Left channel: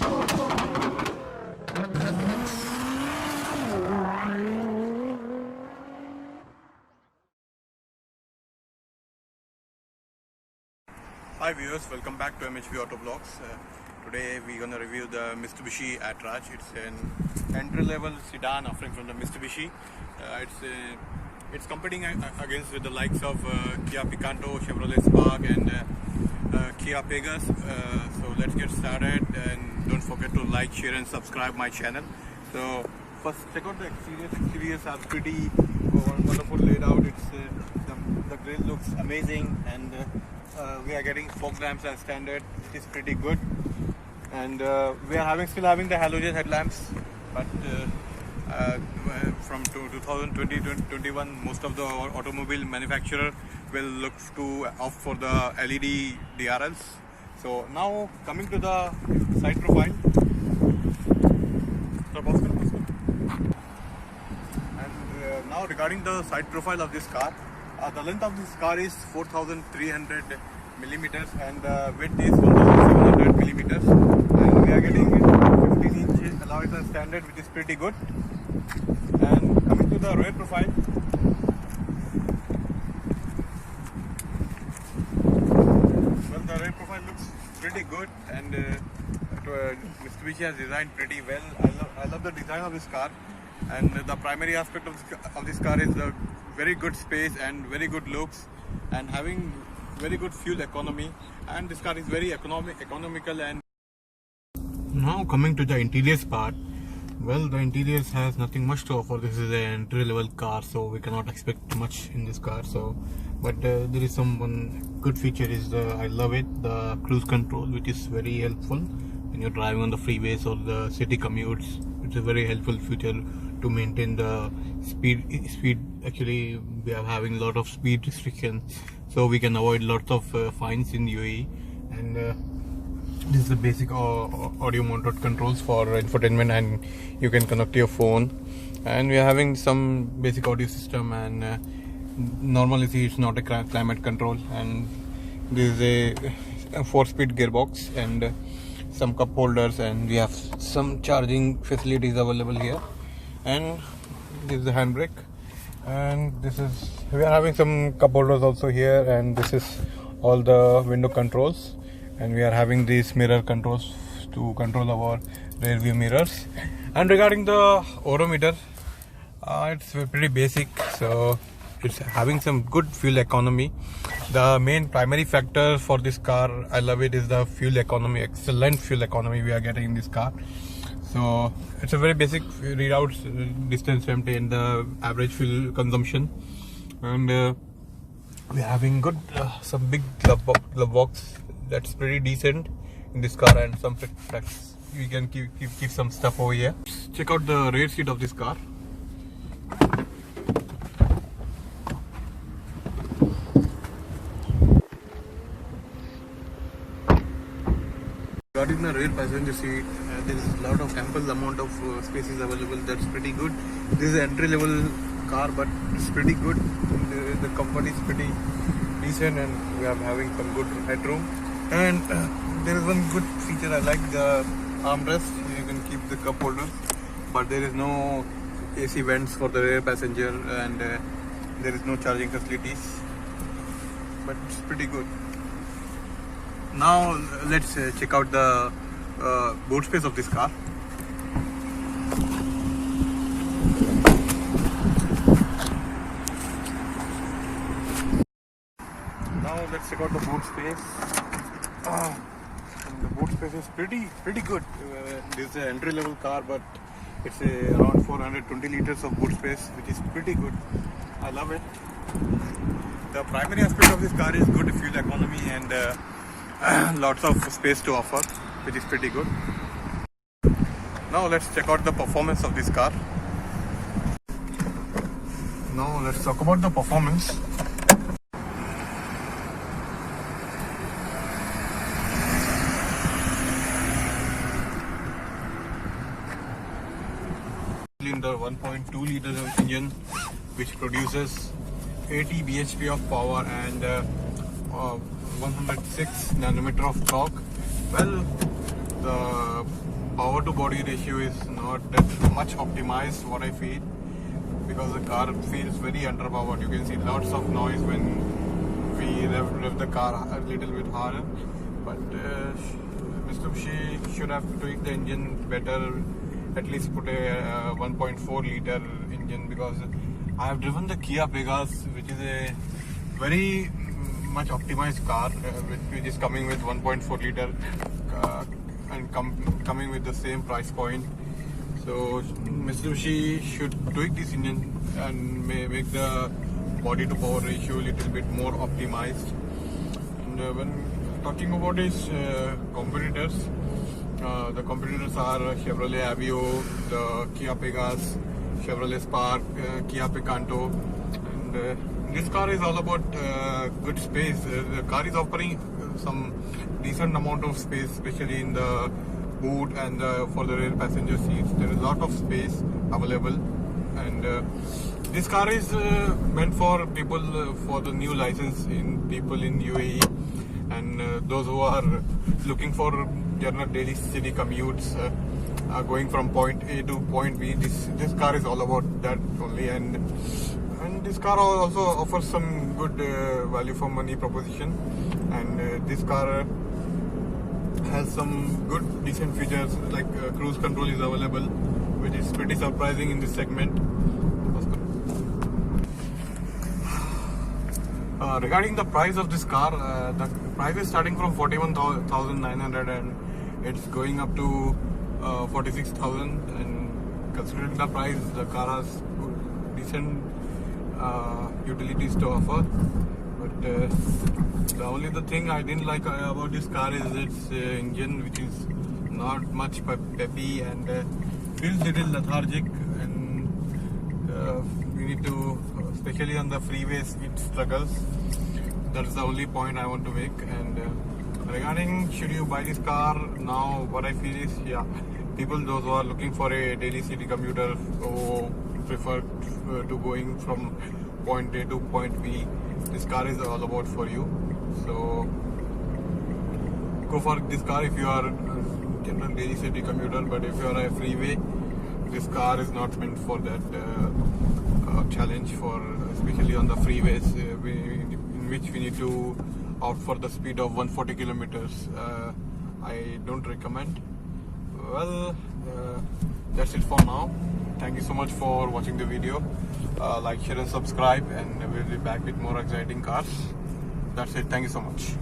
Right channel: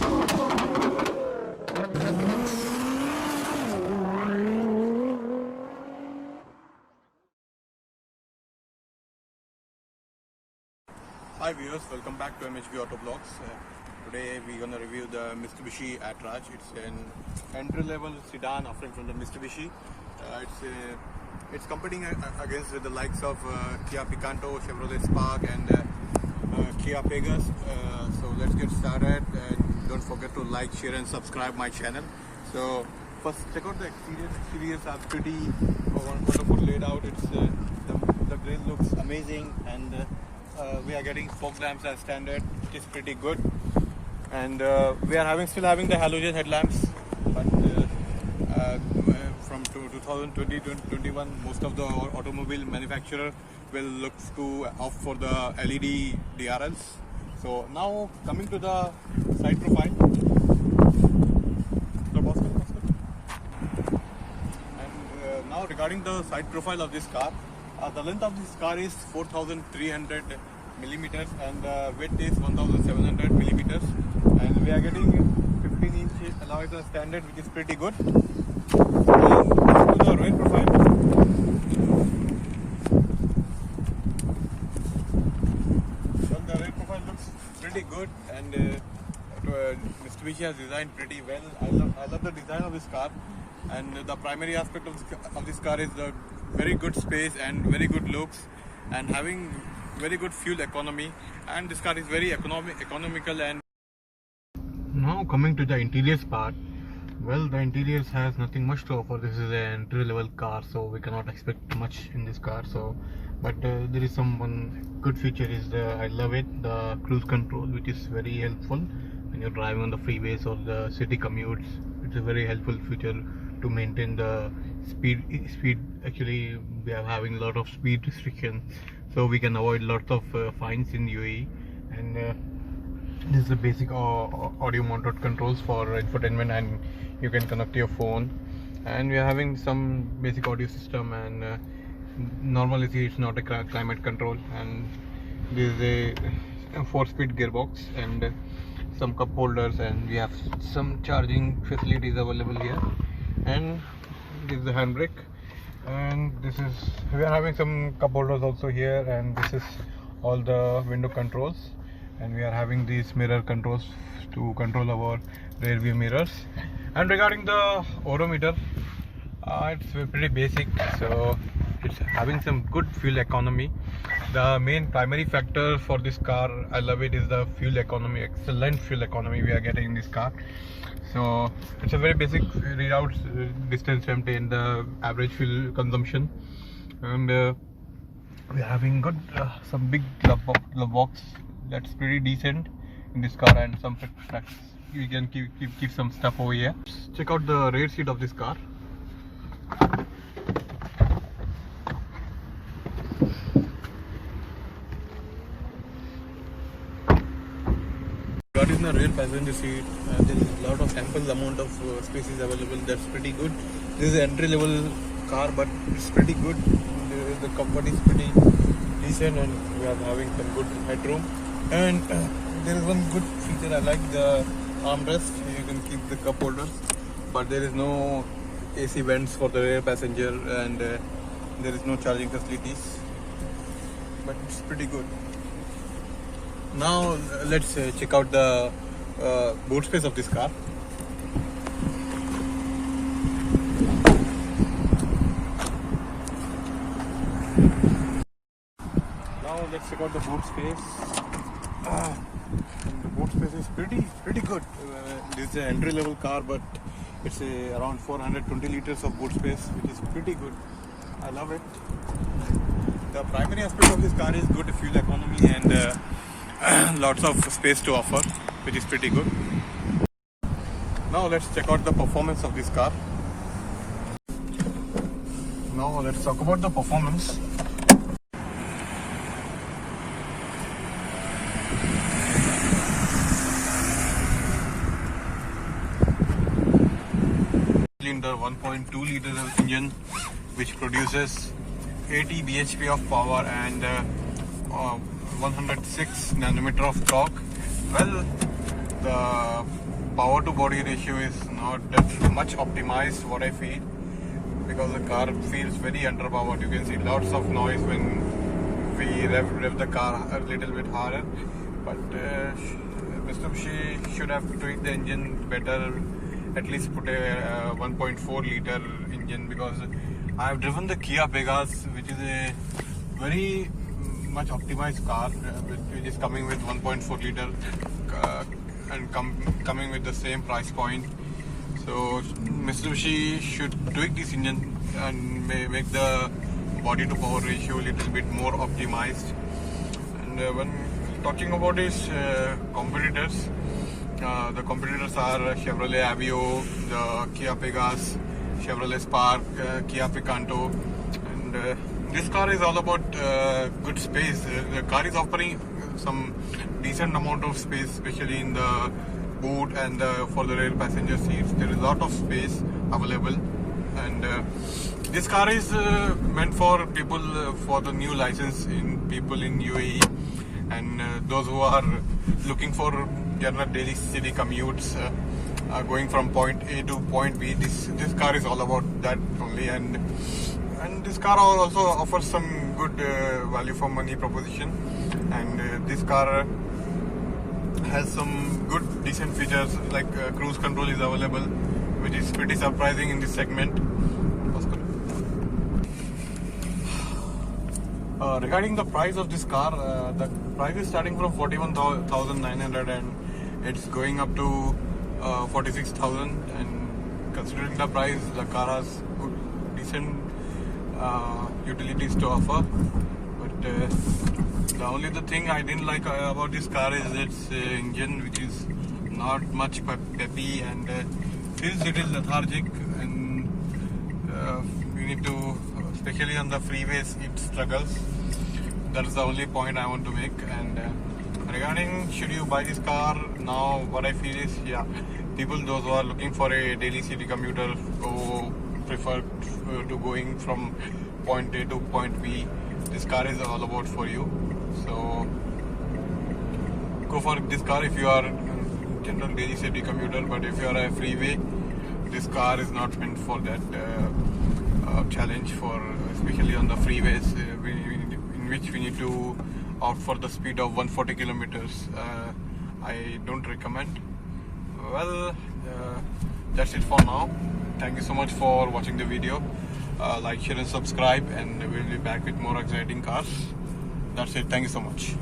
Hi viewers, welcome back to MHP Auto Vlogs. Today we're gonna review the Mitsubishi Attrage. It's an entry-level sedan offering from the Mitsubishi. It's competing against with the likes of Kia Picanto, Chevrolet Spark, and Kia Pegas. So let's get started, and don't forget to like, share, and subscribe my channel. So first, check out the exterior. Exteriors are pretty wonderful laid out. It's the grill looks amazing, and we are getting fog lamps as standard, which is pretty good. And we are still having the halogen headlamps, but from 2020-21, most of the automobile manufacturer will look to opt for the LED DRLs. So now coming to the side profile. And now regarding the side profile of this car, the length of this car is 4,300 millimeters and width is 1,700 millimeters, and we are getting 15-inch alloy as standard, which is pretty good. And coming to the rear profile, well, the rear profile looks pretty good, and Mitsubishi has designed pretty well. I love the design of this car, and the primary aspect of this car is the very good space and very good looks, and having very good fuel economy, and this car is very economical. And now coming to the interiors part, well, the interiors has nothing much to offer. This is an entry level car, so we cannot expect much in this car. So but there is one good feature is I love it, the cruise control, which is very helpful when you're driving on the freeways or the city commutes. It's a very helpful feature to maintain the speed. Actually, we are having a lot of speed restrictions, so we can avoid lots of fines in UAE. And this is the basic audio mounted controls for infotainment, and you can connect your phone. And we are having some basic audio system, and normally it's not a climate control. And this is a 4-speed gearbox and some cup holders, and we have some charging facilities available here. And this is the handbrake, and we are having some cup holders also here, and this is all the window controls, and we are having these mirror controls to control our rear view mirrors. And regarding the odometer, it's pretty basic, so it's having some good fuel economy. The main primary factor for this car, I love it, is the fuel economy. Excellent fuel economy we are getting in this car. So it's a very basic readouts, distance empty, and the average fuel consumption. And we're having good some big glove box that's pretty decent in this car, and some you can keep some stuff over here. Check out the rear seat of this car. Got in the rear passenger seat, there is a lot of ample amount of spaces available. That's pretty good. This is an entry level car, but it's pretty good. The comfort is pretty decent, and we are having some good headroom. And there is one good feature I like, the armrest. You can keep the cup holder, but there is no AC vents for the rear passenger, and there is no charging facilities, but it's pretty good. Now let's check out the boot space of this car. Now let's check out the boot space. The boot space is pretty good. This is an entry level car, but it's around 420 liters of boot space, which is pretty good. I love it. The primary aspect of this car is good fuel economy, and lots of space to offer, which is pretty good. Now let's check out the performance of this car. Now let's talk about the performance. Cylinder 1.2 liter engine, which produces 80 bhp of power and 106 nanometer of torque. Well, the power to body ratio is not that much optimized, what I feel, because the car feels very underpowered. You can see lots of noise when we rev the car a little bit harder. But Mitsubishi should have tweaked the engine better, at least put a 1.4 liter engine, because I have driven the Kia Pegas, which is a very much optimized car, which is coming with 1.4 liter and coming with the same price point. So Mitsubishi should tweak this engine and make the body to power ratio a little bit more optimized. And when talking about his competitors, the competitors are Chevrolet Aveo, the Kia Pegas, Chevrolet Spark, Kia Picanto, and this car is all about good space. The car is offering some decent amount of space, especially in the boot and for the rear passenger seats. There is a lot of space available, and this car is meant for people for the new license in people in UAE, and those who are looking for general daily city commutes, going from point A to point B. This car is all about that only, and this car also offers some good value for money proposition, and this car has some good decent features like cruise control is available, which is pretty surprising in this segment. Regarding the price of this car, the price is starting from 41,900 and it's going up to 46,000, and considering the price, the car has good, decent utilities to offer. But the only thing I didn't like about this car is its engine, which is not much peppy and feels little lethargic, and we need to, especially on the freeways, it struggles. That's the only point I want to make. And regarding should you buy this car now, what I feel is, yeah, people those who are looking for a daily city commuter who prefer to going from point A to point B, this car is all about for you. So go for this car if you are a general daily city commuter, but if you are a freeway, this car is not meant for that challenge, for especially on the freeways in which we need to opt for the speed of 140 kilometers. I don't recommend. Well, that's it for now. Thank you so much for watching the video. Like, share and subscribe, and we'll be back with more exciting cars. That's it. Thank you so much.